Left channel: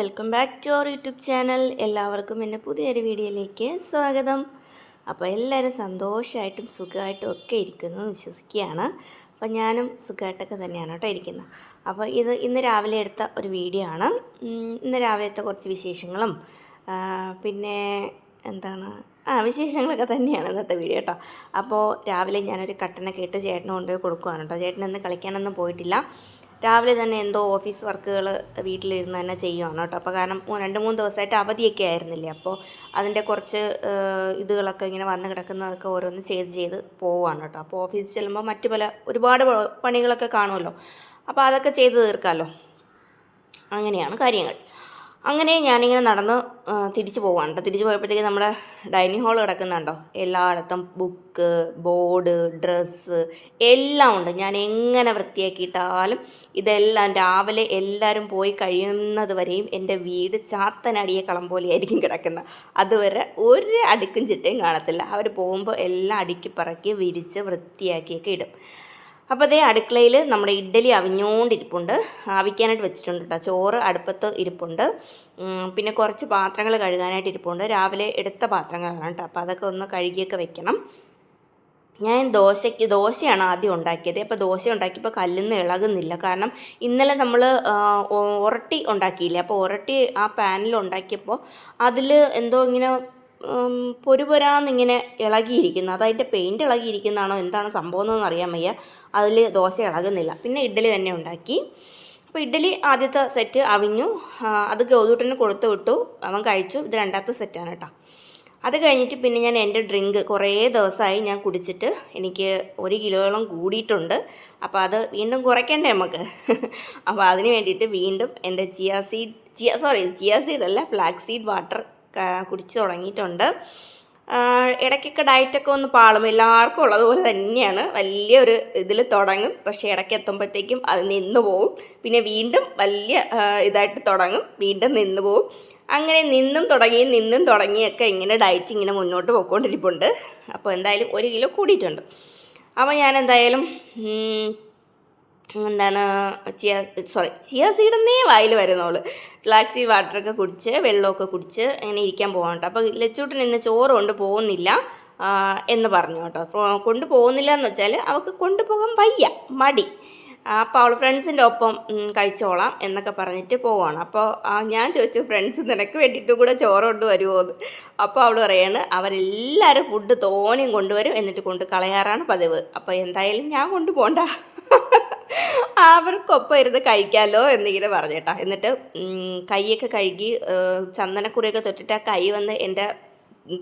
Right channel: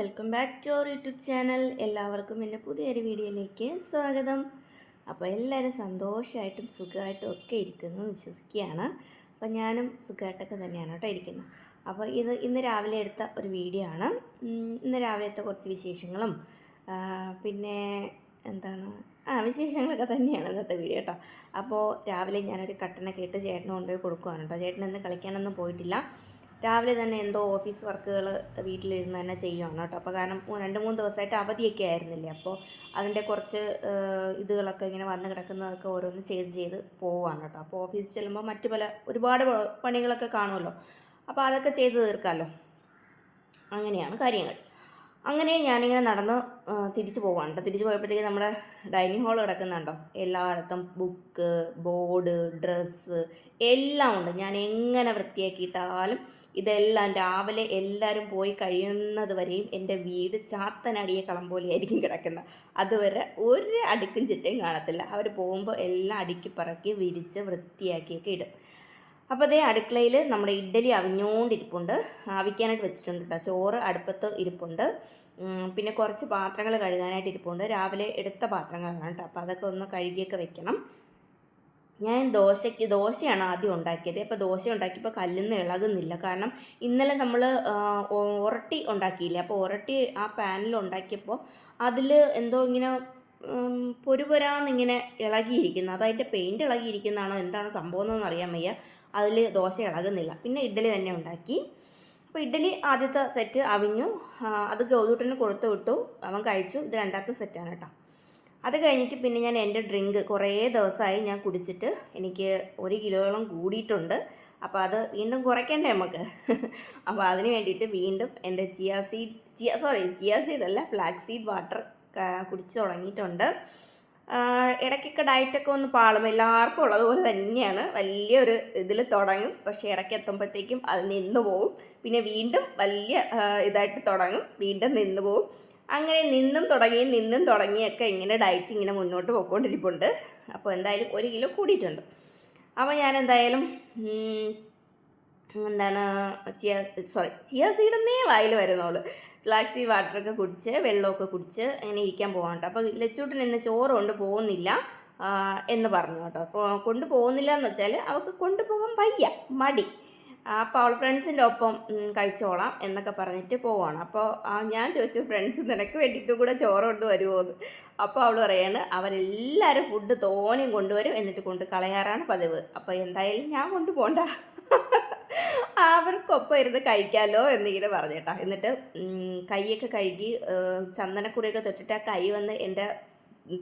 Welcome back to our YouTube channel. എല്ലാവർക്കും എന്റെ പുതിയൊരു വീഡിയോയിലേക്ക് സ്വാഗതം. അപ്പോൾ എല്ലാവരും സന്തോഷമായിട്ടും സുഖമായിട്ടും ഒക്കെ ഇരിക്കുന്നു വിശ്വസിക്കുകയാണ്. അപ്പോൾ ഞാനും സുഖമായിട്ടൊക്കെ തന്നെയാണ് കേട്ടോ ഇരിക്കുന്നത്. അപ്പോൾ ഇത് ഇന്ന് രാവിലെ എടുത്ത ഒരു വീഡിയോ ആണ്. ഇന്ന് രാവിലത്തെ കുറച്ച് വിശേഷങ്ങളും പിന്നെ എന്താണ് ആ വിശേഷങ്ങളൊക്കെ തന്നെയാണ് ഇന്നത്തെ വീഡിയോ കേട്ടോ. അപ്പോൾ രാവിലെ ഞാനൊരു കട്ടനൊക്കെ ഇട്ട് ചേട്ടന് കൊണ്ടുപോയി കൊടുക്കുവാണ് കേട്ടോ. ചേട്ടനെന്ന് കളിക്കാനൊന്നും പോയിട്ടില്ല. രാവിലെ തന്നെ എന്തോ ഓഫീസ് വർക്കുകൾ വീട്ടിലിരുന്ന് തന്നെ ചെയ്യുവാണ് കേട്ടോ. അപ്പോൾ കാരണം രണ്ട് മൂന്ന് ദിവസമായിട്ട് അവധിയൊക്കെ ആയിരുന്നില്ലേ? അപ്പോൾ അതിന്റെ കുറച്ച് ഇതുകളൊക്കെ ഇങ്ങനെ വന്ന് കിടക്കുന്നതൊക്കെ ഓരോന്ന് ചെയ്ത് ചെയ്ത് പോവുകയാണ് കേട്ടോ. അപ്പോൾ ഓഫീസിൽ ചെല്ലുമ്പോൾ മറ്റു പല ഒരുപാട് പണികളൊക്കെ കാണുമല്ലോ. അപ്പോൾ അതൊക്കെ ചെയ്ത് തീർക്കാമല്ലോ. അങ്ങനെയാണ് കാര്യങ്ങൾ. അങ്ങനെ ഞാനിങ്ങനെ നടന്ന് തിരിച്ചു പോവാണ് കേട്ടോ തിരിച്ചു പോയപ്പോഴത്തേക്ക് നമ്മുടെ ഡൈനിങ് ഹാൾ കിടക്കുന്നുണ്ടോ? എല്ലായിടത്തും ബുക്ക് ബോർഡ് ഡ്രസ്സ് എല്ലാം ഉണ്ട്. ഞാൻ എങ്ങനെ വൃത്തിയാക്കിയിട്ടാലും ഇതെല്ലാം രാവിലെ എല്ലാവരും പോയി കഴിയുന്നത് വരെയും എന്റെ വീട് ചാത്തനടിയെ കളം പോലെയായിരിക്കും കിടക്കുന്നത്. അതുവരെ ഒരു അടുക്കും ചിട്ടയും കാണത്തില്ല. അവർ പോകുമ്പോൾ എല്ലാം അടുക്കി പറക്കി വിരിച്ച് വൃത്തിയാക്കിയൊക്കെ ഇടും. അപ്പോൾ അതേ അടുക്കളയിൽ നമ്മുടെ ഇഡ്ഡലി അവിഞ്ഞോണ്ടിരിപ്പുണ്ട്. ആവിക്കാനായിട്ട് വെച്ചിട്ടുണ്ട് കേട്ടോ ചോറ് അടുപ്പത്ത് ഇരിപ്പുണ്ട്. പിന്നെ കുറച്ച് പാത്രങ്ങൾ കഴുകാനായിട്ട് ഇരിപ്പുണ്ട്. രാവിലെ എടുത്ത പാത്രങ്ങളാണ് കേട്ടോ അപ്പോൾ അതൊക്കെ ഒന്ന് കഴുകിയൊക്കെ വെക്കണം. ഞാൻ ദോശയ്ക്ക് ദോശയാണ് ആദ്യം ഉണ്ടാക്കിയത്. അപ്പോൾ ദോശ ഉണ്ടാക്കിയപ്പോൾ കല്ലിന്ന് ഇളകുന്നില്ല. കാരണം ഇന്നലെ നമ്മൾ ഉരട്ടി ഉണ്ടാക്കിയില്ലേ? അപ്പോൾ ഉരട്ടി ആ പാനിൽ ഉണ്ടാക്കിയപ്പോൾ അതിൽ എന്തോ ഇങ്ങനെ പൊരുപൊരാന്നിങ്ങനെ ഇളകിയിരിക്കുന്നു. അത് അതിന്റെ പെയിന്റ് ഇളകിയിരിക്കുന്നതാണോ എന്താണ് സംഭവം എന്നൊന്നും അറിയാൻ വയ്യ. അതിൽ ദോശ ഇളകുന്നില്ല. പിന്നെ ഇഡ്ഡലി തന്നെ ഉണ്ടാക്കി. അപ്പോൾ ഇഡ്ഡലി ആദ്യത്തെ സെറ്റ് അവിഞ്ഞു. അത് ഗൗതൂട്ടന് കൊടുത്തു വിട്ടു. അവൻ കഴിച്ചു. ഇത് രണ്ടാമത്തെ സെറ്റാണ് കേട്ടോ. അത് കഴിഞ്ഞിട്ട് പിന്നെ ഞാൻ എന്റെ ഡ്രിങ്ക് കുറേ ദിവസമായി ഞാൻ കുടിച്ചിട്ട് എനിക്ക് ഒരു കിലോയോളം കൂടിയിട്ടുണ്ട്. അപ്പോൾ അത് വീണ്ടും കുറയ്ക്കണ്ടേ നമുക്ക്? അപ്പോൾ അതിന് വേണ്ടിയിട്ട് വീണ്ടും എന്റെ chia seed chia sorry chia seed അല്ല ഫ്ലാക്സ് സീഡ് വാട്ടർ കുടിച്ച് തുടങ്ങിയിട്ടുണ്ട്. ഇടയ്ക്കൊക്കെ ഡയറ്റൊക്കെ ഒന്ന് പാളും. എല്ലാവർക്കും ഉള്ളതുപോലെ തന്നെയാണ്. വലിയൊരു ഇതിൽ തുടങ്ങും. പക്ഷേ ഇടയ്ക്ക് എത്തുമ്പോഴത്തേക്കും അത് നിന്ന് പോവും. പിന്നെ വീണ്ടും വലിയ ഇതായിട്ട് തുടങ്ങും. വീണ്ടും നിന്ന് പോവും. അങ്ങനെ നിന്നും തുടങ്ങി നിന്നും തുടങ്ങിയൊക്കെ ഇങ്ങനെ ഡയറ്റ് ഇങ്ങനെ മുന്നോട്ട് പോയിക്കൊണ്ടിരിപ്പുണ്ട്. അപ്പോൾ എന്തായാലും ഒരു കിലോ കൂടിയിട്ടുണ്ട്. അപ്പോൾ ഞാൻ എന്തായാലും എന്താണ് ചിയ സോറി ചിയ സീഡെന്നേ വായിൽ വരുന്നോൾ ഫ്ലാക്സി വാട്ടറൊക്കെ കുടിച്ച് വെള്ളമൊക്കെ കുടിച്ച് അങ്ങനെ ഇരിക്കാൻ പോകാൻ കേട്ടോ. അപ്പോൾ ലച്ചൂട്ടൻ ഇന്ന് ചോറ് കൊണ്ട് പോകുന്നില്ല എന്ന് പറഞ്ഞു കേട്ടോ. അപ്പോൾ പോകുന്നില്ല എന്ന് വെച്ചാൽ അവൾക്ക് കൊണ്ടുപോകാൻ വയ്യ മടി. അപ്പോൾ അവൾ ഫ്രണ്ട്സിന്റെ ഒപ്പം കഴിച്ചോളാം എന്നൊക്കെ പറഞ്ഞിട്ട് പോവാണ്. അപ്പോൾ ഞാൻ ചോദിച്ചു ഫ്രണ്ട്സ് നിനക്ക് വേണ്ടിയിട്ട് കൂടെ ചോറ് കൊണ്ട് വരുമോ എന്ന്? അപ്പോൾ അവൾ പറയാണ് അവരെല്ലാവരും ഫുഡ് തോനെയും കൊണ്ടുവരും എന്നിട്ട് കൊണ്ട് കളയാറാണ് പതിവ്. അപ്പോൾ എന്തായാലും ഞാൻ കൊണ്ടുപോകണ്ട അവർക്കൊപ്പം ഇരുന്ന് കഴിക്കാമല്ലോ എന്നിങ്ങനെ പറഞ്ഞേട്ടാ. എന്നിട്ട് കൈയൊക്കെ കഴുകി ചന്ദനക്കുറിയൊക്കെ തൊട്ടിട്ട് ആ കൈ വന്ന് എന്റെ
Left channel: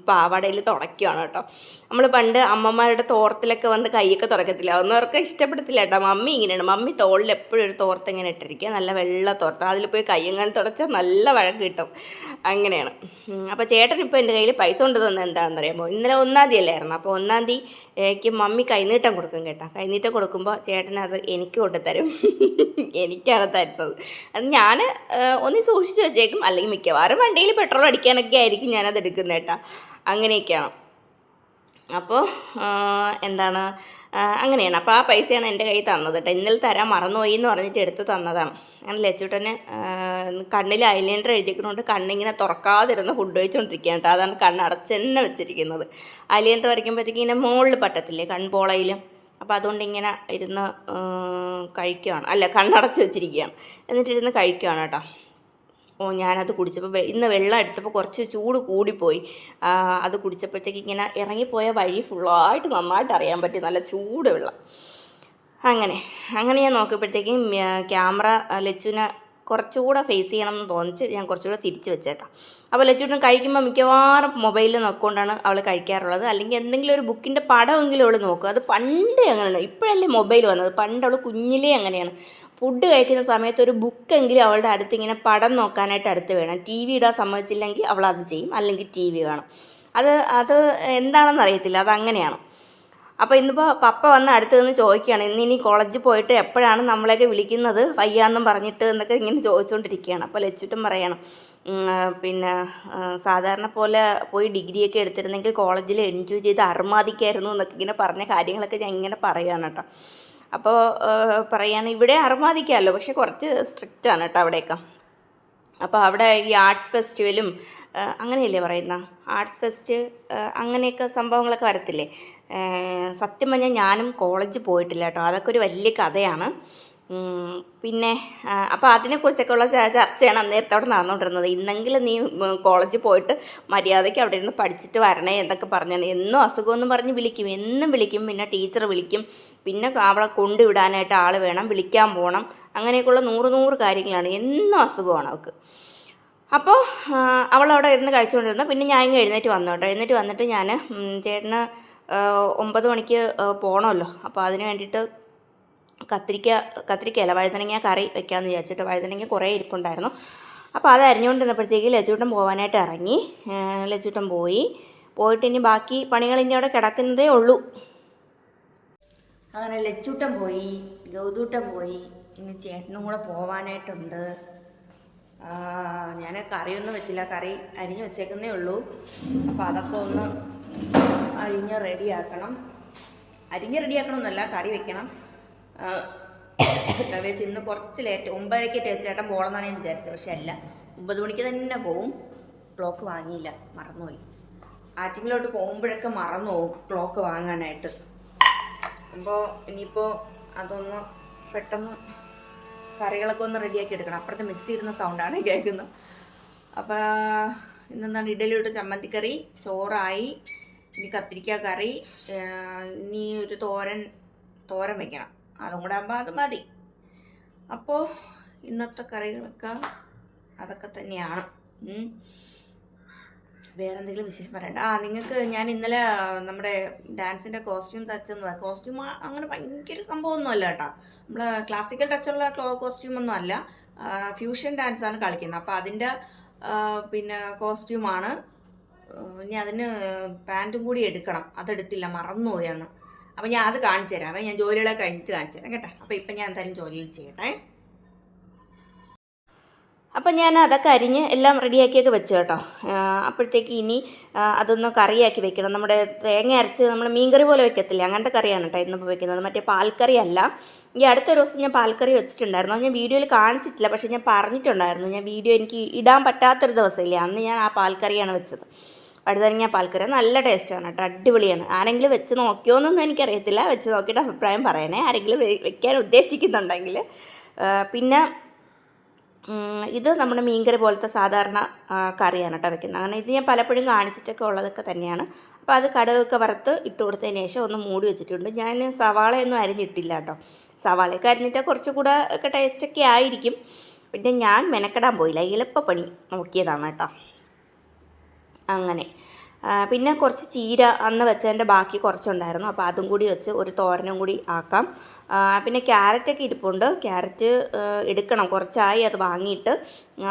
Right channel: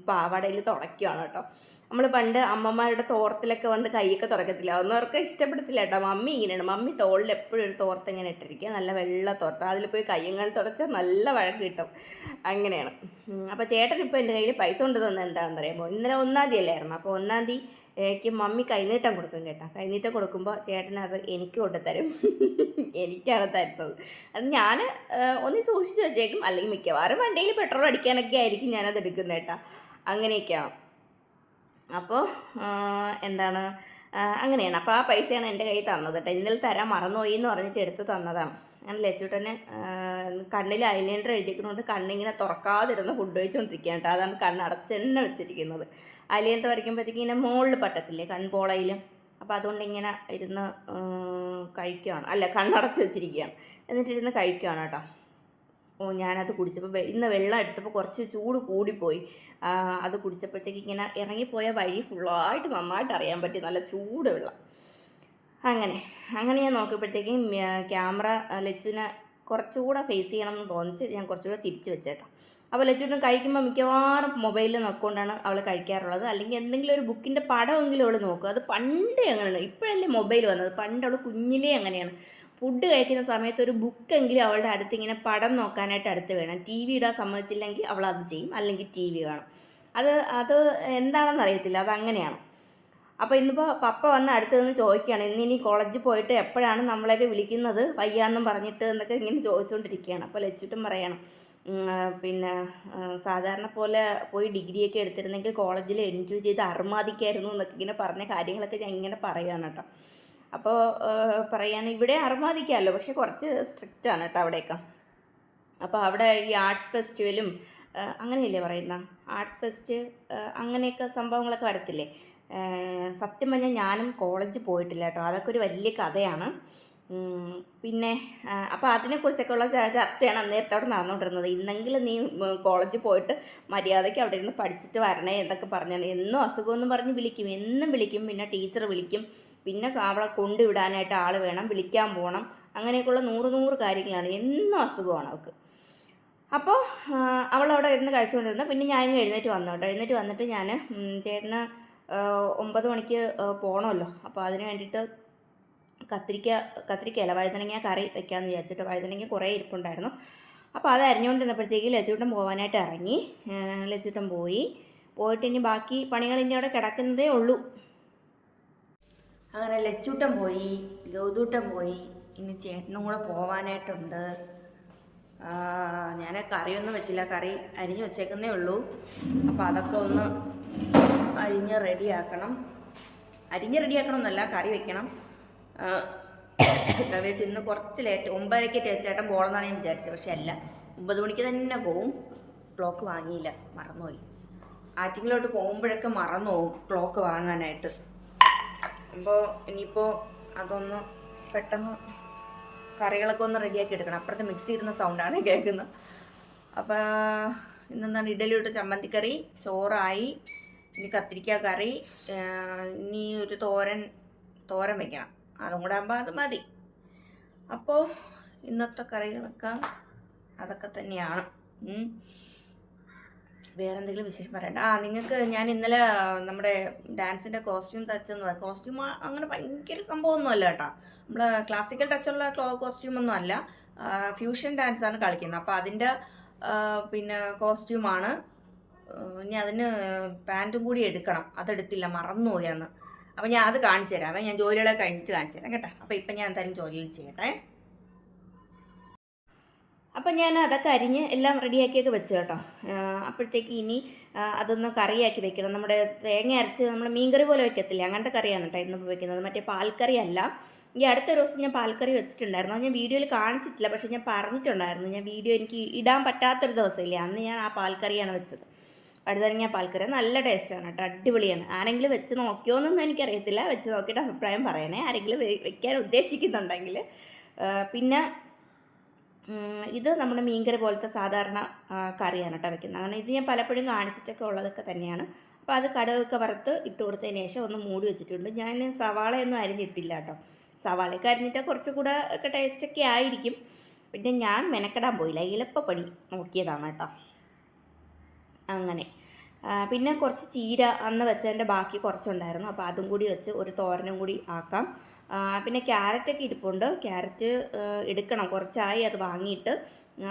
പാവാടയിൽ തുടയ്ക്കുകയാണ് കേട്ടോ. നമ്മൾ പണ്ട് അമ്മമാരുടെ തോർത്തിലൊക്കെ വന്ന് കൈയൊക്കെ തുറക്കത്തില്ല അതൊന്നും അവർക്ക് ഇഷ്ടപ്പെടത്തില്ല കേട്ടോ. മമ്മി ഇങ്ങനെയാണ്. മമ്മി തോളിൽ എപ്പോഴും ഒരു തോർത്ത് ഇങ്ങനെ ഇട്ടിരിക്കുക നല്ല വെള്ള തോർത്ത്. അതിൽ പോയി കൈ ഇങ്ങനെ തുടച്ചാൽ നല്ല വഴക്ക് കിട്ടും. അങ്ങനെയാണ്. അപ്പോൾ ചേട്ടൻ ഇപ്പോൾ എന്റെ കയ്യിൽ പൈസ കൊണ്ട് തന്നെ എന്താണെന്ന് അറിയാമോ ഇന്നലെ ഒന്നാം തീയതി അല്ലായിരുന്നു അപ്പോൾ ഒന്നാം തീയതിക്ക് മമ്മി കൈനീട്ടം കൊടുക്കും കേട്ടോ. കൈനീട്ടം കൊടുക്കുമ്പോൾ ചേട്ടൻ അത് എനിക്ക് കൊണ്ടുതരും എനിക്കാണ് തരുന്നത്. അത് ഞാൻ ഒന്ന് സൂക്ഷിച്ച് വെച്ചേക്കും. അല്ലെങ്കിൽ മിക്കവാറും വണ്ടിയിൽ പെട്രോൾ അടിക്കാനൊക്കെ ആയിരിക്കും ഞാനത് എടുക്കുന്നത് കേട്ടോ. അങ്ങനെയൊക്കെയാണ്. അപ്പോൾ എന്താണ്? അങ്ങനെയാണ്. അപ്പോൾ ആ പൈസയാണ് എന്റെ കയ്യിൽ തന്നത് കേട്ടോ. ഇന്നലെ തരാൻ മറന്നുപോയി എന്ന് പറഞ്ഞിട്ട് എടുത്ത് തന്നതാണ്. അങ്ങനെ ലച്ചൂട്ടന് കണ്ണിൽ ഐലൈനർ എഴുതിക്കുന്നതുകൊണ്ട് കണ്ണിങ്ങനെ തുറക്കാതിരുന്ന് ഫുഡ് കഴിച്ചുകൊണ്ടിരിക്കുകയാണ് കേട്ടോ. അതാണ് കണ്ണ് അടച്ച് തന്നെ വെച്ചിരിക്കുന്നത്. ഐലൈനർ വരയ്ക്കുമ്പോഴത്തേക്ക് ഇങ്ങനെ മുകളിൽ പറ്റത്തില്ലേ കൺപോളയിലും? അപ്പോൾ അതുകൊണ്ട് ഇങ്ങനെ ഇരുന്ന് കഴിക്കുകയാണ് അല്ല കണ്ണടച്ച് വെച്ചിരിക്കുകയാണ്. എന്നിട്ടിരുന്ന് കഴിക്കുകയാണ് കേട്ടോ. ഓ ഞാനത് കുടിച്ചപ്പോൾ ഇന്ന് വെള്ളം എടുത്തപ്പോൾ കുറച്ച് ചൂട് കൂടിപ്പോയി. അത് കുടിച്ചപ്പോഴത്തേക്ക് ഇങ്ങനെ ഇറങ്ങിപ്പോയ വഴി ഫുള്ളായിട്ട് നന്നായിട്ട് അറിയാൻ പറ്റി. നല്ല ചൂട് വെള്ളം. അങ്ങനെ. അങ്ങനെ ഞാൻ നോക്കിയപ്പോഴത്തേക്കും ക്യാമറ ലച്ചുവിനെ കുറച്ചുകൂടെ ഫേസ് ചെയ്യണം എന്ന് തോന്നിച്ച് ഞാൻ കുറച്ചുകൂടെ തിരിച്ച് വെച്ചേട്ടാ. അപ്പോൾ ലച്ചുവിന് കഴിക്കുമ്പോൾ മിക്കവാറും മൊബൈലിൽ നോക്കിക്കൊണ്ടാണ് അവൾ കഴിക്കാറുള്ളത്. അല്ലെങ്കിൽ എന്തെങ്കിലും ഒരു ബുക്കിന്റെ പടമെങ്കിലും അവൾ നോക്കും. അത് പണ്ടേ അങ്ങനെയാണ്. ഇപ്പോഴല്ലേ മൊബൈൽ വന്നത്. പണ്ട് അവൾ കുഞ്ഞിലേ അങ്ങനെയാണ്. ഫുഡ് കഴിക്കുന്ന സമയത്ത് ഒരു ബുക്കെങ്കിലും അവളുടെ അടുത്ത് ഇങ്ങനെ പടം നോക്കാനായിട്ട് അടുത്ത് വേണം. ടി വി ഇടാൻ സമ്മതിച്ചില്ലെങ്കിൽ അവൾ അത് ചെയ്യും. അല്ലെങ്കിൽ ടി വി കാണും. അത് അത് എന്താണെന്ന് അറിയത്തില്ല. അത് അങ്ങനെയാണ് അപ്പോൾ ഇന്നിപ്പോൾ പപ്പ വന്ന് അടുത്ത് നിന്ന് ചോദിക്കുകയാണ് ഇന്ന് ഇനി കോളേജിൽ പോയിട്ട് എപ്പോഴാണ് നമ്മളെയൊക്കെ വിളിക്കുന്നത്? വയ്യാന്നും പറഞ്ഞിട്ട് എന്നൊക്കെ ഇങ്ങനെ ചോദിച്ചുകൊണ്ടിരിക്കുകയാണ് അപ്പോൾ ലച്ചുട്ടും പറയണം പിന്നെ സാധാരണ പോലെ പോയി ഡിഗ്രിയൊക്കെ എടുത്തിരുന്നെങ്കിൽ കോളേജിൽ എൻജോയ് ചെയ്ത് അർമാദിക്കായിരുന്നു എന്നൊക്കെ ഇങ്ങനെ പറഞ്ഞ കാര്യങ്ങളൊക്കെ ഞാൻ ഇങ്ങനെ പറയുകയാണ് കേട്ടോ. അപ്പോൾ പറയുകയാണ് ഇവിടെ അർമാദിക്കാമല്ലോ പക്ഷെ കുറച്ച് സ്ട്രിക്റ്റ് ആണ് കേട്ടോ അവിടെയൊക്കെ. അപ്പോൾ അവിടെ ഈ ആർട്സ് ഫെസ്റ്റിവലും അങ്ങനെയല്ലേ പറയുന്ന? ആർട്സ് ഫെസ്റ്റ് അങ്ങനെയൊക്കെ സംഭവങ്ങളൊക്കെ വരത്തില്ലേ? സത്യം പറഞ്ഞാൽ ഞാനും കോളേജ് പോയിട്ടില്ല കേട്ടോ. അതൊക്കെ ഒരു വലിയ കഥയാണ്. പിന്നെ അപ്പോൾ അതിനെക്കുറിച്ചൊക്കെ ഉള്ള ചർച്ചയാണ് അന്നേരത്തെ അവിടെ നടന്നുകൊണ്ടിരുന്നത്. ഇന്നെങ്കിലും നീ കോളേജ് കോളേജിൽ പോയിട്ട് മര്യാദയ്ക്ക് അവിടെ ഇരുന്ന് പഠിച്ചിട്ട് വരണേ എന്നൊക്കെ പറഞ്ഞാണ്. എന്നും അസുഖമെന്ന് പറഞ്ഞ് വിളിക്കും. എന്നും വിളിക്കും. പിന്നെ ടീച്ചർ വിളിക്കും. പിന്നെ അവളെ കൊണ്ടുവിടാനായിട്ട് ആൾ വേണം. വിളിക്കാൻ പോകണം അങ്ങനെയൊക്കെയുള്ള നൂറ് നൂറ് കാര്യങ്ങളാണ്. എന്നും അസുഖമാണ് അവൾക്ക്. അപ്പോൾ അവളവിടെ ഇരുന്ന് കഴിച്ചുകൊണ്ടിരുന്നു. പിന്നെ ഞാൻ ഇങ്ങ് എഴുന്നേറ്റ് വന്നു കേട്ടോ. എഴുന്നേറ്റ് വന്നിട്ട് ഞാൻ ചേട്ടന് ഒമ്പത് മണിക്ക് പോകണമല്ലോ അപ്പോൾ അതിന് വേണ്ടിയിട്ട് കത്തിരിക്ക കത്തിരിക്കയല്ല വഴുതനങ്ങ കറി വെക്കാമെന്ന് വിചാരിച്ചിട്ട് വഴുതനങ്ങ കുറേ ഇരിപ്പുണ്ടായിരുന്നു. അപ്പോൾ അത് അരിഞ്ഞുകൊണ്ടിരുന്നപ്പോഴത്തേക്ക് ലജ്ജൂട്ടം പോകാനായിട്ട് ഇറങ്ങി. ലജ്ജൂട്ടം പോയി. പോയിട്ട് ഇനി ബാക്കി പണികൾ ഇനി അവിടെ കിടക്കുന്നതേ ഉള്ളൂ. അങ്ങനെ ലച്ചൂട്ടൻ പോയി ഗൗതൂട്ടൻ പോയി. ഇനി ചേട്ടനും കൂടെ പോവാനായിട്ടുണ്ട്. ഞാൻ കറിയൊന്നും വെച്ചില്ല. കറി അരിഞ്ഞ് വെച്ചേക്കുന്നേ ഉള്ളൂ. അപ്പോൾ അതൊക്കെ ഒന്ന് അരിഞ്ഞ് റെഡിയാക്കണം. അരിഞ്ഞ് റെഡിയാക്കണമെന്നല്ല കറി വെക്കണം. വെച്ച് ഇന്ന് കുറച്ച് ലേറ്റ് ഒമ്പതരയ്ക്ക് ചേട്ടൻ പോകണമെന്നാണ് ഞാൻ വിചാരിച്ചത്. പക്ഷെ അല്ല ഒമ്പത് മണിക്ക് തന്നെ പോവും. ക്ലോക്ക് വാങ്ങിയില്ല മറന്നുപോയി. ആറ്റിങ്ങിലോട്ട് പോകുമ്പോഴൊക്കെ മറന്നു പോകും ക്ലോക്ക് വാങ്ങാനായിട്ട്. അപ്പോൾ ഇനിയിപ്പോൾ അതൊന്ന് പെട്ടെന്ന് കറികളൊക്കെ ഒന്ന് റെഡിയാക്കി എടുക്കണം. അപ്പുറത്തെ മിക്സി ഇടുന്ന സൗണ്ടാണ് കേൾക്കുന്നത്. അപ്പോൾ ഇന്നെന്താണ്? ഇഡലി ഇട്ട് ചമ്മന്തിക്കറി ചോറായി ഇനി കത്തിരിക്ക കറി ഇനി ഒരു തോരൻ തോരൻ വെക്കണം. അതും കൂടെ ആകുമ്പോൾ അത് മതി. അപ്പോൾ ഇന്നത്തെ കറികളൊക്കെ അതൊക്കെ തന്നെയാണ്. വേറെ എന്തെങ്കിലും വിശേഷം പറയണ്ട. ആ നിങ്ങൾക്ക് ഞാൻ ഇന്നലെ നമ്മുടെ ഡാൻസിന്റെ കോസ്റ്റ്യൂം തച്ചെന്ന് കോസ്റ്റ്യൂം അങ്ങനെ ഭയങ്കര സംഭവമൊന്നും അല്ല കേട്ടോ നമ്മൾ ക്ലാസിക്കൽ ടച്ചുള്ള കോസ്റ്റ്യൂം ഒന്നും അല്ല. ഫ്യൂഷൻ ഡാൻസാണ് കളിക്കുന്നത്. അപ്പോൾ അതിന്റെ പിന്നെ കോസ്റ്റ്യൂമാണ്. ഇനി അതിന് പാന്റും കൂടി എടുക്കണം. അതെടുത്തില്ല മറന്നുപോയാണ് അപ്പോൾ ഞാൻ അത് കാണിച്ചു തരാം അപ്പം ഞാൻ ജോലികളെ കഴിഞ്ഞിട്ട് കാണിച്ചു തരാം കേട്ടോ. അപ്പോൾ ഇപ്പം ഞാൻ എന്തായാലും ജോലിയിൽ ചെയ്യട്ടെ. അപ്പം ഞാൻ അതൊക്കെ അരിഞ്ഞ് എല്ലാം റെഡിയാക്കിയൊക്കെ വെച്ചു കേട്ടോ. അപ്പോഴത്തേക്ക് ഇനി അതൊന്ന് കറിയാക്കി വെക്കണം. നമ്മുടെ തേങ്ങ അരച്ച് നമ്മൾ മീൻകറി പോലെ വെക്കത്തില്ല? അങ്ങനത്തെ കറിയാണ് കേട്ടോ ഇന്നിപ്പോൾ വെക്കുന്നത്. മറ്റേ പാൽക്കറി അല്ല. ഈ അടുത്ത ദിവസം ഞാൻ പാൽക്കറി വെച്ചിട്ടുണ്ടായിരുന്നു. ഞാൻ വീഡിയോയിൽ കാണിച്ചിട്ടില്ല. പക്ഷേ ഞാൻ പറഞ്ഞിട്ടുണ്ടായിരുന്നു. ഞാൻ വീഡിയോ എനിക്ക് ഇടാൻ പറ്റാത്തൊരു ദിവസമില്ലേ? അന്ന് ഞാൻ ആ പാൽക്കറിയാണ് വെച്ചത്. വഴുതനങ്ങ പാൽക്കറി. നല്ല ടേസ്റ്റാണ് കേട്ടോ. അടിപൊളിയാണ്. ആരെങ്കിലും വെച്ച് നോക്കിയോന്നൊന്നും എനിക്കറിയത്തില്ല. വെച്ച് നോക്കിയിട്ട് അഭിപ്രായം പറയണേ. ആരെങ്കിലും വെക്കാൻ ഉദ്ദേശിക്കുന്നുണ്ടെങ്കിൽ പിന്നെ ഇത് നമ്മുടെ മീൻകറി പോലത്തെ സാധാരണ കറിയാണ് കേട്ടോ വെക്കുന്നത്. അങ്ങനെ ഇത് ഞാൻ പലപ്പോഴും കാണിച്ചിട്ടൊക്കെ ഉള്ളതൊക്കെ തന്നെയാണ്. അപ്പോൾ അത് കടുകൊക്കെ വറുത്ത് ഇട്ട് കൊടുത്തതിന് ശേഷം ഒന്ന് മൂടി വെച്ചിട്ടുണ്ട്. ഞാൻ സവാളയൊന്നും അരിഞ്ഞിട്ടില്ല കേട്ടോ. സവാളയൊക്കെ അരിഞ്ഞിട്ട് കുറച്ചുകൂടെ ഒക്കെ ടേസ്റ്റൊക്കെ ആയിരിക്കും. പിന്നെ ഞാൻ മെനക്കെടാൻ പോയില്ല. എളുപ്പപ്പണി നോക്കിയതാണ് കേട്ടോ. അങ്ങനെ. പിന്നെ കുറച്ച് ചീര അന്ന് വെച്ചതിന്റെ ബാക്കി കുറച്ചുണ്ടായിരുന്നു. അപ്പോൾ അതും കൂടി വെച്ച് ഒരു തോരനും കൂടി ആക്കാം. പിന്നെ ക്യാരറ്റൊക്കെ ഇരിപ്പുണ്ട്. ക്യാരറ്റ് എടുക്കണം. കുറച്ചായി അത് വാങ്ങിയിട്ട്.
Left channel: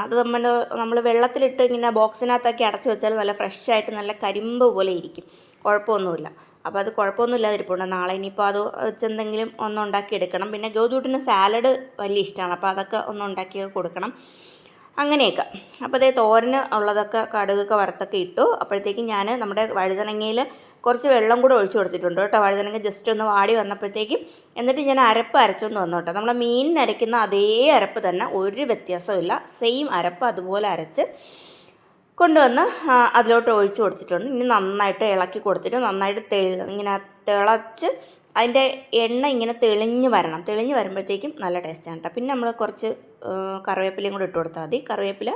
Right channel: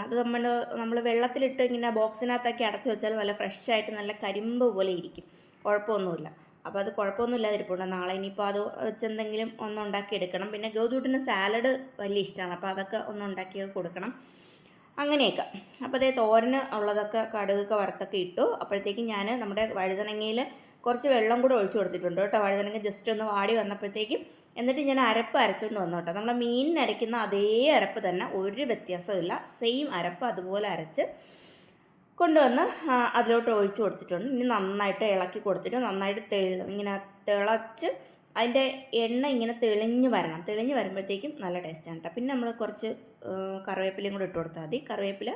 അത് നമ്മൾ നമ്മൾ വെള്ളത്തിലിട്ട് ഇങ്ങനെ ബോക്സിനകത്തൊക്കെ അടച്ച് വെച്ചാൽ നല്ല ഫ്രഷായിട്ട് നല്ല കരിമ്പ് പോലെ ഇരിക്കും. കുഴപ്പമൊന്നുമില്ല. അപ്പോൾ അത് കുഴപ്പമൊന്നുമില്ലാതെ ഇരിപ്പുണ്ട്. നാളെ ഇനിയിപ്പോൾ അത് വെച്ചെന്തെങ്കിലും ഒന്നുണ്ടാക്കി എടുക്കണം. പിന്നെ ഗൗതൂട്ടിന് സാലഡ് വലിയ ഇഷ്ടമാണ്. അപ്പോൾ അതൊക്കെ ഒന്ന് ഉണ്ടാക്കി കൊടുക്കണം. അങ്ങനെയൊക്കെ. അപ്പോൾ അതേ തോരന് ഉള്ളതൊക്കെ കടുകൊക്കെ വറുത്തൊക്കെ ഇട്ടു. അപ്പോഴത്തേക്കും ഞാൻ നമ്മുടെ വഴുതനങ്ങയിൽ കുറച്ച് വെള്ളം കൂടെ ഒഴിച്ചു കൊടുത്തിട്ടുണ്ട് കേട്ടോ. വഴുതനങ്ങ ജസ്റ്റ് ഒന്ന് വാടി വന്നപ്പോഴത്തേക്കും എന്നിട്ട് ഞാൻ അരപ്പ് അരച്ചുകൊണ്ട് വന്നു കേട്ടോ. നമ്മൾ മീനിന് അരയ്ക്കുന്ന അതേ അരപ്പ് തന്നെ ഒരു വ്യത്യാസമില്ല സെയിം അരപ്പ് അതുപോലെ അരച്ച് കൊണ്ടുവന്ന് അതിലോട്ട് ഒഴിച്ചു കൊടുത്തിട്ടുണ്ട്. ഇനി നന്നായിട്ട് ഇളക്കി കൊടുത്തിട്ട് നന്നായിട്ട് തെളി ഇങ്ങനെ തിളച്ച് അതിന്റെ എണ്ണ ഇങ്ങനെ തെളിഞ്ഞ് വരണം. തെളിഞ്ഞ് വരുമ്പോഴത്തേക്കും നല്ല ടേസ്റ്റാണ് കേട്ടോ. പിന്നെ നമ്മൾ കുറച്ച് കറിവേപ്പിലയും കൂടെ ഇട്ട് കൊടുത്താൽ മതി. കറിവേപ്പില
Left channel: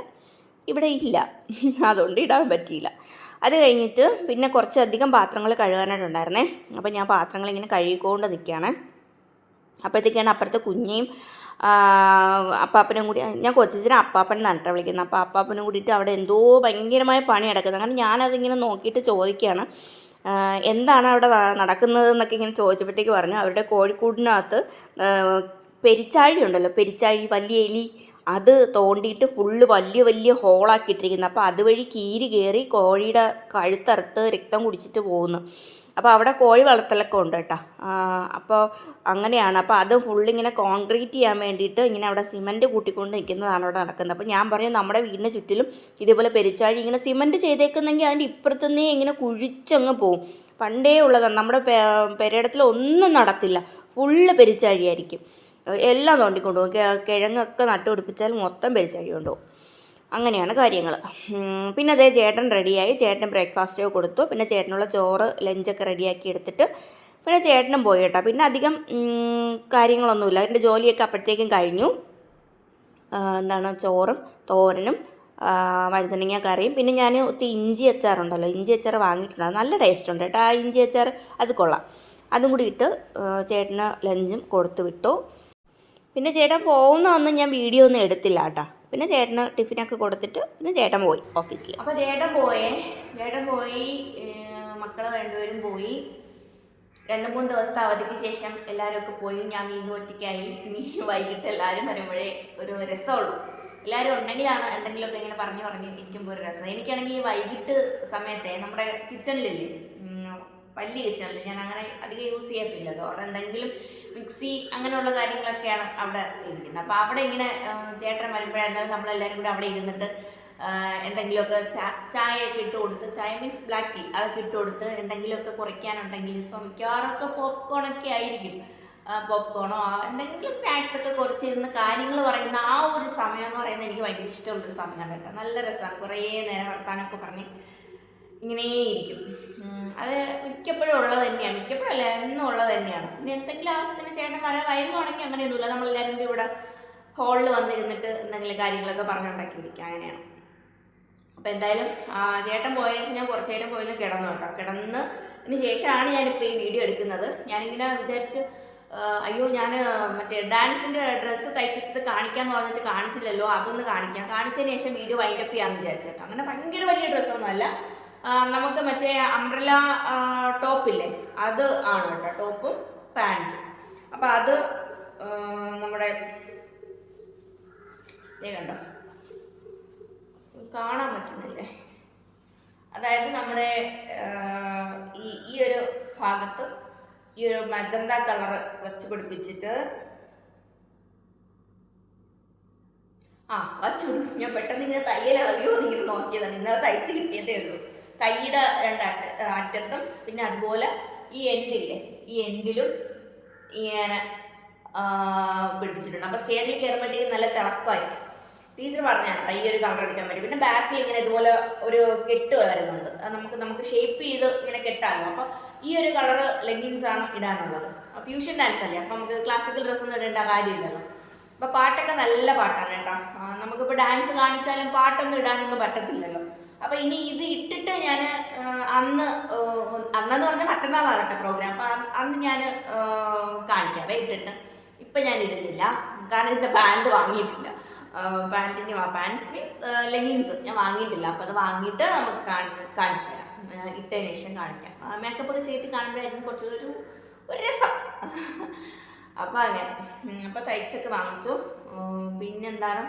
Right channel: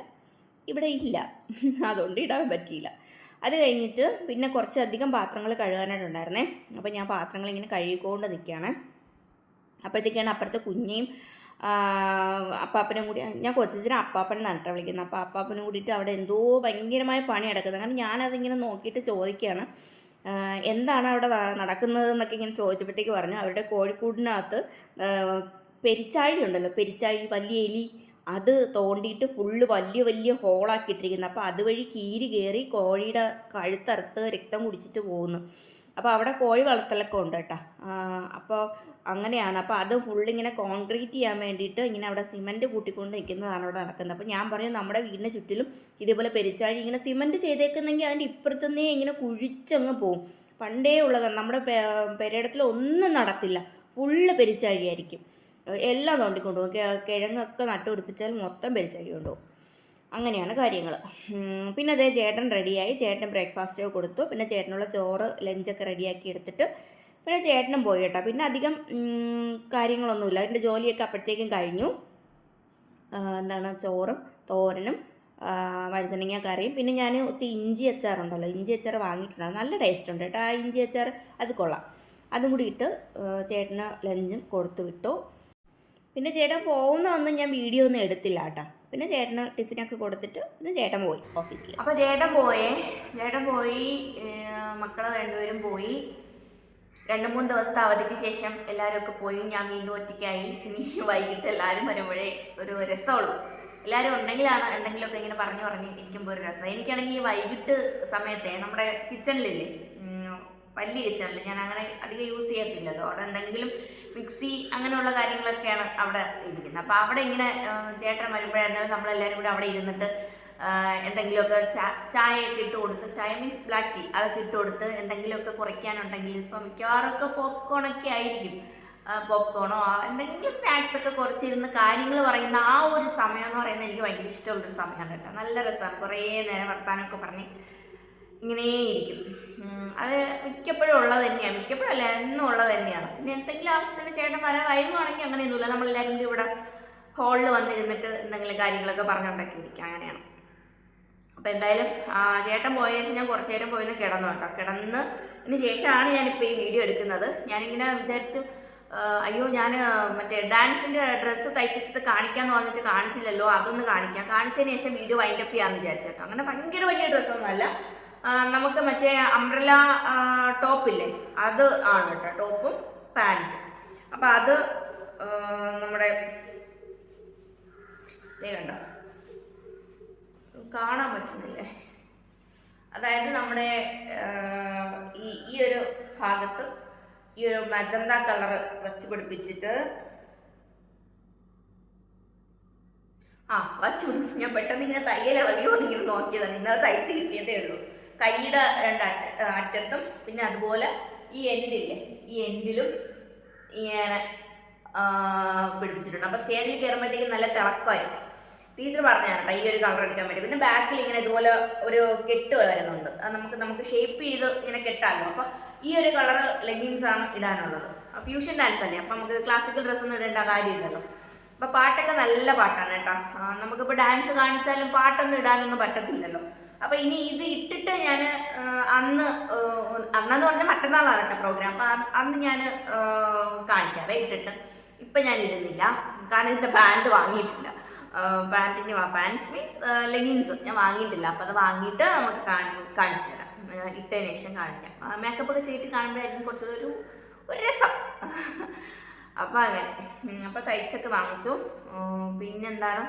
ഇവിടെ ഇല്ല. അതുകൊണ്ട് ഇടാൻ പറ്റിയില്ല. അത് കഴിഞ്ഞിട്ട് പിന്നെ കുറച്ചധികം പാത്രങ്ങൾ കഴുകാനായിട്ടുണ്ടായിരുന്നേ. അപ്പോൾ ഞാൻ പാത്രങ്ങൾ ഇങ്ങനെ കഴുകിക്കൊണ്ട് നിൽക്കുകയാണ് അപ്പോഴത്തേക്കാണ് അപ്പുറത്തെ കുഞ്ഞേയും അപ്പാപ്പനും കൂടി ഞാൻ കൊച്ചിനെ അപ്പാപ്പൻ നട്ട വിളിക്കുന്നത്. അപ്പോൾ അപ്പാപ്പനും കൂടിയിട്ട് അവിടെ എന്തോ ഭയങ്കരമായ പണി നടക്കുന്നത് കാരണം ഞാനതിങ്ങനെ നോക്കിയിട്ട് ചോദിക്കുകയാണ്. എന്താണ് അവിടെ നടക്കുന്നത് എന്നൊക്കെ ഇങ്ങനെ ചോദിച്ചപ്പോഴത്തേക്ക് പറഞ്ഞു. അവരുടെ കോഴിക്കൂടിനകത്ത് പെരിച്ചാഴി ഉണ്ടല്ലോ. പെരിച്ചാഴി വലിയ എലി അത് തോണ്ടിയിട്ട് ഫുള്ള് വലിയ വലിയ ഹോളാക്കിയിട്ടിരിക്കുന്നത് അപ്പോൾ അതുവഴി കീരി കയറി കോഴിയുടെ കഴുത്തറുത്ത് രക്തം കുടിച്ചിട്ട് പോകുന്നു. അപ്പോൾ അവിടെ കോഴി വളർത്തലൊക്കെ ഉണ്ട് കേട്ടോ. അപ്പോൾ അങ്ങനെയാണ്. അപ്പോൾ അത് ഫുള്ളിങ്ങനെ കോൺക്രീറ്റ് ചെയ്യാൻ വേണ്ടിയിട്ട് ഇങ്ങനെ അവിടെ സിമന്റ് കൂട്ടിക്കൊണ്ട് നിൽക്കുന്നതാണ് അവിടെ നടക്കുന്നത്. അപ്പോൾ ഞാൻ പറയും നമ്മുടെ വീടിന് ചുറ്റിലും ഇതേപോലെ പെരിച്ചാഴി ഇങ്ങനെ സിമന്റ് ചെയ്തേക്കുന്നെങ്കിൽ അതിന്റെ ഇപ്പുറത്തുനിന്നേ ഇങ്ങനെ കുഴിച്ചങ്ങ് പോവും. പണ്ടേ ഉള്ളതാണ്. നമ്മുടെ പെരയിടത്തിൽ ഒന്നും നടത്തില്ല. ഫുള്ള് പെരിച്ചാഴിയായിരിക്കും എല്ലാം തോണ്ടിക്കൊണ്ട് പോകും കിഴങ്ങൊക്കെ നട്ടുപിടിപ്പിച്ചാൽ മൊത്തം പെരിച്ചാഴി കൊണ്ടുപോകും. അങ്ങനെയാണ് കാര്യങ്ങൾ പിന്നെ അതേ ചേട്ടൻ റെഡിയായി. ചേട്ടൻ ബ്രേക്ക്ഫാസ്റ്റ് കൊടുത്തു. പിന്നെ ചേട്ടനുള്ള ചോറ് ലഞ്ചൊക്കെ റെഡിയാക്കി എടുത്തിട്ട് പിന്നെ ചേട്ടനും പോയി കേട്ടോ. പിന്നെ അധികം കാര്യങ്ങളൊന്നുമില്ല. അതിന്റെ ജോലിയൊക്കെ അപ്പോഴത്തേക്കും കഴിഞ്ഞു. എന്താണ് ചോറും തോരനും വഴുതനങ്ങ കറിയും. പിന്നെ ഞാൻ ഒത്തിരി ഇഞ്ചി അച്ചാറുണ്ടല്ലോ ഇഞ്ചി അച്ചാർ വാങ്ങിയിട്ടുണ്ട്. നല്ല ടേസ്റ്റ് ഉണ്ട് കേട്ടോ. ആ ഇഞ്ചി അച്ചാർ അത് കൊള്ളാം. അതും കൂടി ഇട്ട് ചേട്ടന് ലഞ്ചും കൊടുത്തു വിട്ടു. പിന്നെ ചേട്ടൻ പോകുന്നതൊന്നും ഞാൻ വീഡിയോ ഒന്നും എടുത്തില്ല കേട്ടോ. പിന്നെ ചേട്ടന് ടിഫിനൊക്കെ കൊടുത്തിട്ട് പിന്നെ ചേട്ടൻ പോയി ഓഫീസിൽ അപ്പോൾ ചേട്ടൻ പോയേ. ചേട്ടൻ പോയി മക്കൾ രണ്ടുപേരും പോയി. രണ്ട് മൂന്ന് ദിവസത്തെ അവധിക്ക് ശേഷം എല്ലാവരും ഒക്കെ പോയി. ഞാൻ വീണ്ടും ഒറ്റയ്ക്കായി. ഇനി വൈകിട്ട് എല്ലാവരും വരുമ്പോഴേ ഒരു രസമുള്ളൂ. എല്ലാവരും ഉണ്ടെങ്കിലാണ് എന്തെങ്കിലുമൊക്കെ ഇങ്ങനെ പറഞ്ഞു പറഞ്ഞ് ഇരിക്കുമ്പോൾ ഒരു രസം. എനിക്കാണെങ്കിൽ ഈ വൈകിട്ട് സമയത്തെ നമ്മുടെ കിച്ചണിലില്ലേ വലിയ കിച്ചണിൽ ഞാൻ അങ്ങനെ അധികം യൂസ് ചെയ്യത്തില്ലല്ലോ. അവിടെ എന്തെങ്കിലും മിക്സി അങ്ങനെയുള്ള കാര്യങ്ങളൊക്കെയാണ് അവിടെ ഇരിക്കുന്നത്. അപ്പോൾ അവിടെ ഇങ്ങനെ ചേട്ടൻ വരുമ്പോഴായിരുന്നാലും നമ്മളെല്ലാവരും കൂടി അവിടെ ഇരുന്നിട്ട് എന്തെങ്കിലുമൊക്കെ ചായയൊക്കെ ഇട്ട് കൊടുത്ത് ചായ മീൻസ് ബ്ലാക്ക് ടീ അതൊക്കെ ഇട്ട് കൊടുത്ത് എന്തെങ്കിലുമൊക്കെ കുറയ്ക്കാനുണ്ടെങ്കിൽ ഇപ്പം മിക്കവാറൊക്കെ പോപ്കോണൊക്കെ ആയിരിക്കും. പോപ്കോണോ എന്തെങ്കിലും സ്നാക്സ് ഒക്കെ കുറച്ചിരുന്ന് കാര്യങ്ങൾ പറയുന്ന ആ ഒരു സമയം എന്ന് പറയുന്നത് എനിക്ക് ഭയങ്കര ഇഷ്ടമുള്ളൊരു സമയമാണ് കേട്ടോ. നല്ല രസമാണ്. കുറേ നേരം വർത്താനമൊക്കെ പറഞ്ഞ് ഇങ്ങനെ ഇരിക്കും അത് മിക്കപ്പോഴും ഉള്ളത് തന്നെയാണ്. മിക്കപ്പോഴല്ല എന്നും ഉള്ളത് തന്നെയാണ്. പിന്നെ എന്തെങ്കിലും ആവശ്യത്തിന് ചേട്ടൻ വരാൻ വൈകുവാണെങ്കിൽ അങ്ങനെയൊന്നുമില്ല. നമ്മളെല്ലാവരും കൂടി ഇവിടെ ഹാളിൽ വന്നിരുന്നിട്ട് എന്തെങ്കിലും കാര്യങ്ങളൊക്കെ പറഞ്ഞുണ്ടാക്കിയിരിക്കുക അങ്ങനെയാണ്. അപ്പോൾ എന്തായാലും ചേട്ടൻ പോയതിനു ശേഷം ഞാൻ കുറച്ച് നേരം പോയിന്ന് കിടന്നു കേട്ടോ കിടന്ന് ഇതിന് ശേഷമാണ് ഞാനിപ്പോൾ ഈ വീഡിയോ എടുക്കുന്നത്. ഞാനിങ്ങനെ വിചാരിച്ചു അയ്യോ ഞാൻ മറ്റേ ഡാൻസിന്റെ ഡ്രസ്സ് തയ്പ്പിച്ചത് കാണിക്കാമെന്ന് പറഞ്ഞിട്ട് കാണിച്ചില്ലല്ലോ അതൊന്ന് കാണിക്കാം. കാണിച്ചതിന് ശേഷം വീഡിയോ വൈൻഡപ്പ് ചെയ്യാമെന്ന് വിചാരിച്ചേട്ടോ. അങ്ങനെ ഭയങ്കര വലിയ ഡ്രസ്സൊന്നുമല്ല നമുക്ക് മറ്റേ അംബ്രല ടോപ്പില്ലേ അത് ആണ് കേട്ടോ ടോപ്പും പാന്റും അപ്പം അത് നമ്മുടെ ദേ കണ്ടോ? കാണാൻ പറ്റുന്നില്ലേ? അതായത് നമ്മുടെ ഈ ഈ ഒരു ഭാഗത്ത് ഈ ഒരു മജന്ത കളർ വച്ച് പിടിപ്പിച്ചിട്ട് ആ വച്ചു ഞാൻ പെട്ടെന്ന് ഇങ്ങനെ തയ്യൽ അറിയോ എന്നിങ്ങനെ നോക്കിയതാണ്. ഇന്നലെ തയ്ച്ച് കിട്ടിയതേ ഉള്ളൂ. കൈയുടെ രണ്ട് അറ്റത്തും പിന്നെ അതുപോലെ ഈ എൻഡില്ലേ ഈ എൻഡിലും ഇങ്ങനെ പിടിപ്പിച്ചിട്ടുണ്ട്. അപ്പോൾ സ്റ്റേജിൽ കയറുമ്പോഴത്തേക്കും നല്ല തിളക്കമായിരിക്കും. ടീച്ചർ പറഞ്ഞാണ് കേട്ടോ ഈ ഒരു കളർ എടുക്കാൻ വേണ്ടി. പിന്നെ ബാക്കിൽ ഇങ്ങനെ ഇതുപോലെ ഒരു കെട്ട് വരുന്നുണ്ട്. അത് നമുക്ക് നമുക്ക് ഷേപ്പ് ചെയ്ത് ഇങ്ങനെ കെട്ടാമല്ലോ. അപ്പോൾ ഈ ഒരു കളർ ലെഗിൻസ് ആണ് ഇടാനുള്ളത്. ഫ്യൂഷൻ ഡാൻസ് അല്ലേ? അപ്പം നമുക്ക് ക്ലാസിക്കൽ ഡ്രസ്സൊന്നും ഇടേണ്ട കാര്യമില്ലല്ലോ. അപ്പോൾ പാട്ടൊക്കെ നല്ല പാട്ടാണ് കേട്ടോ. നമുക്കിപ്പോൾ ഡാൻസ് കാണിച്ചാലും പാട്ടൊന്നും ഇടാനൊന്നും പറ്റത്തില്ലല്ലോ. അപ്പോൾ ഇനി ഇത് ഇട്ടിട്ട് ഞാൻ അന്ന് അന്നെന്ന് പറഞ്ഞാൽ മറ്റന്നാളാണ് കേട്ടോ പ്രോഗ്രാം അപ്പൊ അന്ന് ഞാൻ കാണിക്കാവേ ഇട്ടിട്ട്. ഇപ്പം ഞാൻ ഇടുന്നില്ല. കാരണം ഇതിന്റെ പാന്റ് വാങ്ങിയിട്ടില്ല. പാന്റിന്റെ പാൻസ് മീൻസ് ലെഗിൻസ് ഞാൻ വാങ്ങിയിട്ടില്ല. അപ്പോൾ അത് വാങ്ങിയിട്ട് നമുക്ക് കാണി- കാണിച്ചു തരാം. ഇട്ടതിന് ശേഷം കാണിക്കാം. മേക്കപ്പ് ഒക്കെ ചെയ്തിട്ട് കാണുമ്പോഴായിരിക്കും കുറച്ചുകൂടി ഒരു ഒരു രസം. അപ്പോൾ അങ്ങനെ. അപ്പോൾ തയ്ച്ചൊക്കെ വാങ്ങിച്ചു. പിന്നെന്താണ്?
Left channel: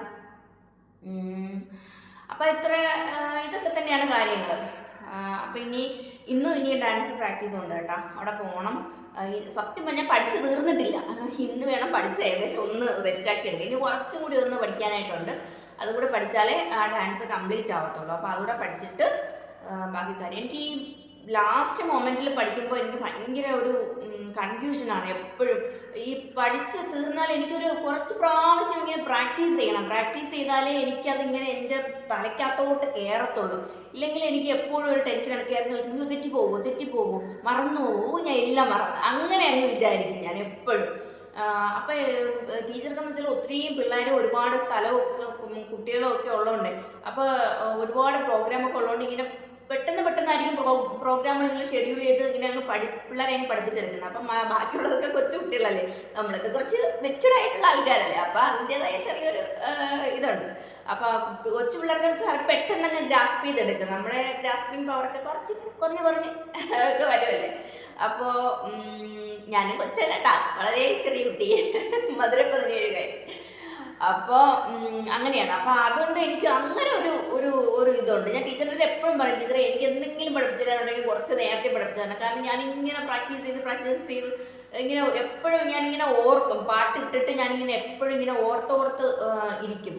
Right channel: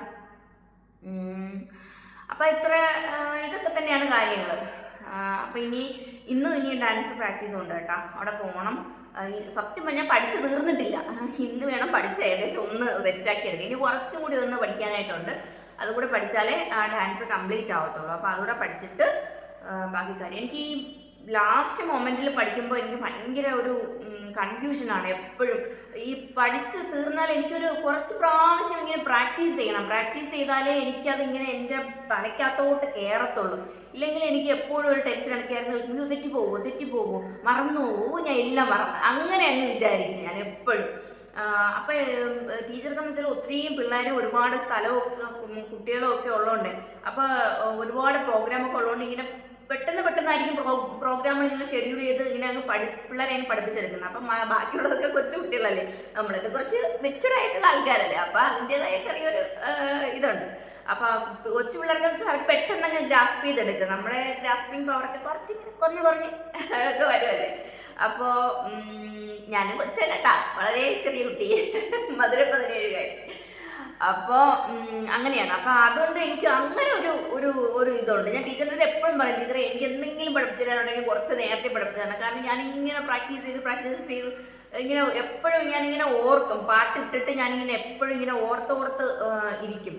അപ്പോൾ ഇത്ര ഇതൊക്കെ തന്നെയാണ് കാര്യങ്ങൾ അപ്പോൾ ഇനി ഇന്നും ഇനി ഡാൻസ് പ്രാക്ടീസ് ഉണ്ട് കേട്ടോ. അവിടെ പോകണം സത്യം പറഞ്ഞാൽ പഠിച്ച് തീർന്നിട്ടില്ല. ഇന്ന് വേണം പഠിച്ച് ഏകദേശം ഒന്ന് സെറ്റാക്കി എടുക്കുക ഇനി കുറച്ചും കൂടി ഒന്ന് പഠിക്കാനായിട്ടുണ്ട്. അതുകൂടെ പഠിച്ചാലേ ആ ഡാൻസ് കംപ്ലീറ്റ് ആവത്തുള്ളൂ. അപ്പോൾ അതുകൂടെ പഠിച്ചിട്ട് ബാക്കി കാര്യം. എനിക്ക് ലാസ്റ്റ് മൊമെന്റിൽ പഠിക്കുമ്പോൾ എനിക്ക് ഭയങ്കര ഒരു കൺഫ്യൂഷനാണ് എപ്പോഴും. ഈ പഠിച്ച് തീർന്നാൽ എനിക്കൊരു കുറച്ച് പ്രാവശ്യം ഇങ്ങനെ പ്രാക്ടീസ് ചെയ്യണം. പ്രാക്ടീസ് ചെയ്താലേ എനിക്കതിങ്ങനെ എന്റെ തലയ്ക്കകത്തോട്ട് കയറത്തുള്ളൂ ഇല്ലെങ്കിൽ എനിക്ക് എപ്പോഴും ഒരു ടെൻഷനാണ് കയറി നിൽക്കുമ്പോൾ തെറ്റിപ്പോകുമോ തെറ്റിപ്പോകുമോ മറന്നു പോകുമോ ഞാൻ എല്ലാം മറന്നു. അങ്ങനെ അങ്ങ് വിചാരിക്കും ഞാൻ എപ്പോഴും. അപ്പോൾ ടീച്ചർക്കെന്ന് വെച്ചാൽ ഒത്തിരിയും പിള്ളേർ ഒരുപാട് സ്ഥലമൊക്കെ കുട്ടികളൊക്കെ ഉള്ളതുകൊണ്ട് അപ്പോൾ ഒരുപാട് പ്രോഗ്രാമൊക്കെ ഉള്ളതുകൊണ്ട് ഇങ്ങനെ പെട്ടെന്ന് പെട്ടെന്നായിരിക്കും പ്രോ പ്രോഗ്രാമുകൾ ഇങ്ങനെ ഷെഡ്യൂൾ ചെയ്ത് ഇങ്ങനെ അങ്ങ് പഠി പിള്ളേരെ അങ്ങ് പഠിപ്പിച്ചെടുക്കുന്നത്. അപ്പം ബാക്കിയുള്ളതൊക്കെ കൊച്ചു കുട്ടികളല്ലേ. നമ്മളൊക്കെ കുറച്ച് മെച്ചുഡ് ആയിട്ടുള്ള ആൾക്കാരല്ലേ. അപ്പം അതിന്റെതായ ചെറിയൊരു ഇതുണ്ട്. അപ്പോൾ കൊച്ചു പിള്ളേർക്ക് വെച്ചാൽ പെട്ടെന്ന് അങ്ങ് ഗ്രാസ്പ് ചെയ്തെടുക്കും. നമ്മുടെ ഗ്രാസ്പിംഗ് പവറൊക്കെ കുറച്ച് ഇങ്ങനെ കുറഞ്ഞ് കുറഞ്ഞ് ഒക്കെ വരുമല്ലേ അപ്പോൾ ഞാനും കൊച്ചല്ലട്ടാ വളരെ ചെറിയ കുട്ടി. മധുര പതിനേഴ് കാര്യം അപ്പോൾ അങ്ങനെയാണ്. അപ്പോൾ അതുകൊണ്ട് എനിക്ക് അങ്ങനെ ഒരു ഒരു ഒരു ഇതുണ്ട്. ഞാൻ ടീച്ചറിന്റെ എപ്പോഴും പറയും ടീച്ചറെ എനിക്ക് എന്തെങ്കിലും പഠിപ്പിച്ചിട്ടുണ്ടെങ്കിൽ കുറച്ച് നേരത്തെ പഠിപ്പിച്ചു തരണം കാരണം ഞാൻ ഇങ്ങനെ പ്രാക്ടീസ് ചെയ്ത് പ്രാക്ടീസ് ചെയ്ത് ഇങ്ങനെ എപ്പോഴും ഞാനിങ്ങനെ ഓർക്കും. പാട്ടിട്ടിട്ട് ഞാനിങ്ങനെ എപ്പോഴും ഇങ്ങനെ ഓർത്തോർത്ത് ഓർത്ത് ഇരിക്കും.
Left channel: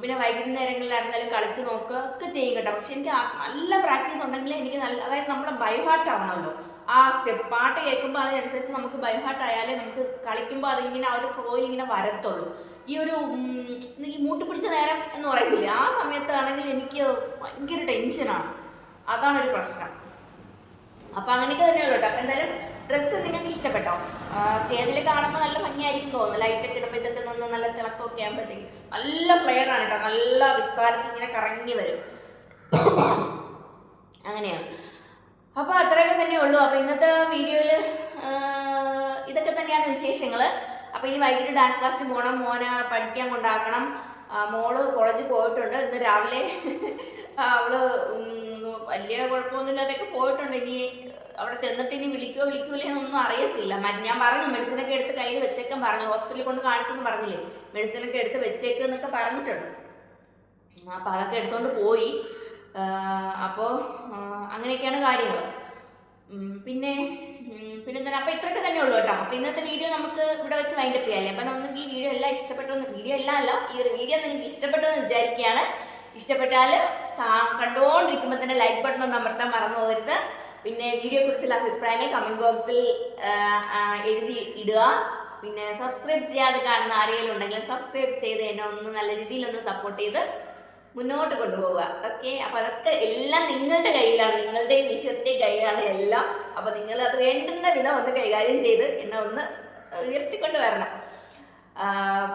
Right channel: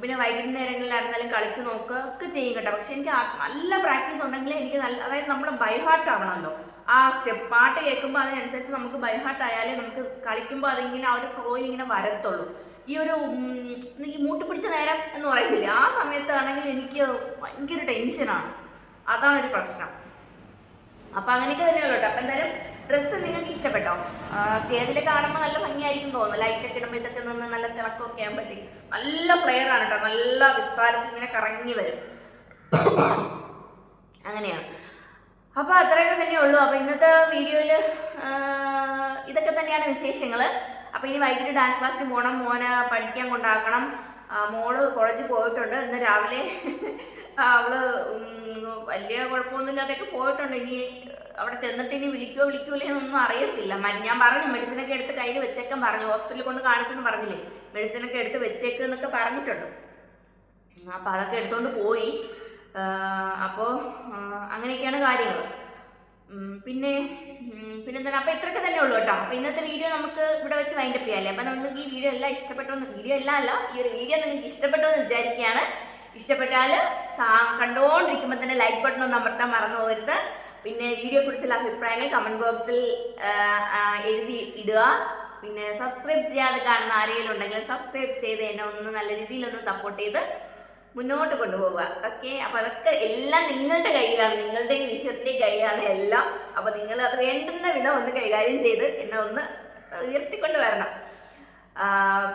പിന്നെ വൈകുന്നേരങ്ങളിലായിരുന്നാലും കളിച്ച് നോക്കുക ഒക്കെ ചെയ്യും കേട്ടോ. പക്ഷെ എനിക്ക് നല്ല പ്രാക്ടീസ് ഉണ്ടെങ്കിൽ എനിക്ക് നല്ല അതായത് നമ്മൾ ബൈഹാർട്ട് ആവണമല്ലോ. ആ സ്റ്റെപ്പ് പാട്ട് കേൾക്കുമ്പോൾ അതിനനുസരിച്ച് നമുക്ക് ബൈഹാർട്ട് ആയാലേ നമുക്ക് കളിക്കുമ്പോൾ അതിങ്ങനെ ആ ഒരു ഫ്ലോയിൽ ഇങ്ങനെ വരത്തുള്ളൂ. ഈ ഒരു ഈ മൂട്ടി പിടിച്ച നേരം എന്ന് പറയുന്നില്ല ആ സമയത്താണെങ്കിൽ എനിക്ക് ഭയങ്കര ടെൻഷനാണ്. അതാണ് ഒരു പ്രശ്നം. അപ്പം അങ്ങനെയൊക്കെ തന്നെയുള്ളൂ കേട്ടോ. അപ്പം എന്തായാലും ഡ്രസ്സ് നിങ്ങൾക്ക് ഇഷ്ടപ്പെട്ടോ? സ്റ്റേജിൽ കാണുമ്പോൾ നല്ല ഭംഗിയായിരിക്കും തോന്നുന്നു. ലൈറ്റൊക്കെ ഇടുമ്പോൾ ഇതൊക്കെ നിന്ന് നല്ല തിളക്കമൊക്കെ ആകുമ്പോഴത്തേക്കും നല്ല ഫ്ലെയർ ആണ് കേട്ടോ. നല്ല വിസ്താരത്തിൽ ഇങ്ങനെ കറങ്ങി വരും. അങ്ങനെയാണ്. അപ്പോൾ അത്രയൊക്കെ തന്നെ ഉള്ളൂ. അപ്പോൾ ഇന്നത്തെ വീഡിയോയിൽ ഇതൊക്കെ തന്നെയാണ് വിശേഷങ്ങൾ അപ്പോൾ ഇനി വൈകിട്ട് ഡാൻസ് ക്ലാസ്സിന് പോകണം മോനെ പഠിക്കാൻ കൊണ്ടാക്കണം. മോൾ കോളേജിൽ പോയിട്ടുണ്ട്. ഇന്ന് രാവിലെ അവൾ വലിയ കുഴപ്പമൊന്നുമില്ലാതെയൊക്കെ പോയിട്ടുണ്ട്. ഇനി അവിടെ ചെന്നിട്ട് ഇനി വിളിക്കോ വിളിക്കൂലേ എന്നൊന്നും അറിയത്തില്ല. ഞാൻ പറഞ്ഞു മെഡിസിനൊക്കെ എടുത്ത് കയ്യിൽ വെച്ചേക്കാൻ പറഞ്ഞു. ഹോസ്പിറ്റലിൽ കൊണ്ട് കാണിച്ചെന്ന് പറഞ്ഞില്ലേ. മെഡിസിനൊക്കെ എടുത്ത് വെച്ചേക്ക് എന്നൊക്കെ പറഞ്ഞിട്ടുണ്ട്. അപ്പോൾ അതൊക്കെ എടുത്തുകൊണ്ട് പോയി. അപ്പോൾ അങ്ങനെയൊക്കെയാണ് കാര്യങ്ങൾ പിന്നെ ഉം, പിന്നെന്താണ്? അപ്പോൾ ഇത്രയൊക്കെ തന്നെ ഉള്ളൂ കേട്ടോ. അപ്പോൾ ഇന്നത്തെ വീഡിയോ നമുക്ക് ഇവിടെ വെച്ച് വൈൻഡപ്പ് ചെയ്യാമല്ലേ അപ്പോൾ നമുക്ക് ഈ വീഡിയോ എല്ലാം ഇഷ്ടപ്പെട്ടു എന്ന് വീഡിയോ എല്ലാം അല്ല ഈ ഒരു വീഡിയോ നിങ്ങൾക്ക് ഇഷ്ടപ്പെട്ടു എന്ന് വിചാരിക്കുകയാണ് ഇഷ്ടപ്പെട്ടാൽ കണ്ടുകൊണ്ടിരിക്കുമ്പോൾ തന്നെ ലൈക്ക് ബട്ടൺ ഒന്ന് അമർത്താൻ മറന്നു പോകരുത്. പിന്നെ വീഡിയോ കുറിച്ചുള്ള അഭിപ്രായങ്ങൾ കമന്റ് ബോക്സിൽ എഴുതി ഇടുക. പിന്നെ സബ്സ്ക്രൈബ് ചെയ്യാതെ കാണുന്ന ആരെങ്കിലും ഉണ്ടെങ്കിൽ സബ്സ്ക്രൈബ് ചെയ്ത് എന്നെ ഒന്ന് നല്ല രീതിയിൽ ഒന്ന് സപ്പോർട്ട് ചെയ്ത് മുന്നോട്ട് കൊണ്ടുപോവുക. ഓക്കെ അപ്പൊ അതൊക്കെ എല്ലാം നിങ്ങളുടെ കയ്യിലാണ്. നിങ്ങളുടെയും വിശ്വത്തിന്റെയും കയ്യിലാണ് എല്ലാം. അപ്പൊ നിങ്ങൾ അത് വേണ്ടുന്ന വിധം ഒന്ന് കൈകാര്യം ചെയ്ത് എന്നെ ഒന്ന് ഉയർത്തിക്കൊണ്ട് വരണം.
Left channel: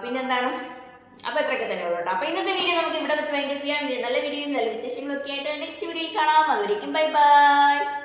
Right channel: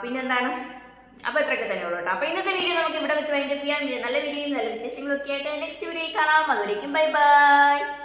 പിന്നെന്താണ്? അപ്പോൾ ഇത്രയൊക്കെ തന്നെ ഉള്ളൂ അപ്പോൾ ഇന്നത്തെ വീഡിയോ നമുക്ക് ഇവിടെ വെച്ച് വൈൻഡപ്പ് ചെയ്യാൻ നല്ല വീഡിയോയും നല്ല വിശേഷങ്ങളൊക്കെ ആയിട്ട് നെക്സ്റ്റ് വീഡിയോയിൽ കാണാം. അതുവരേക്കും ബൈ ബൈ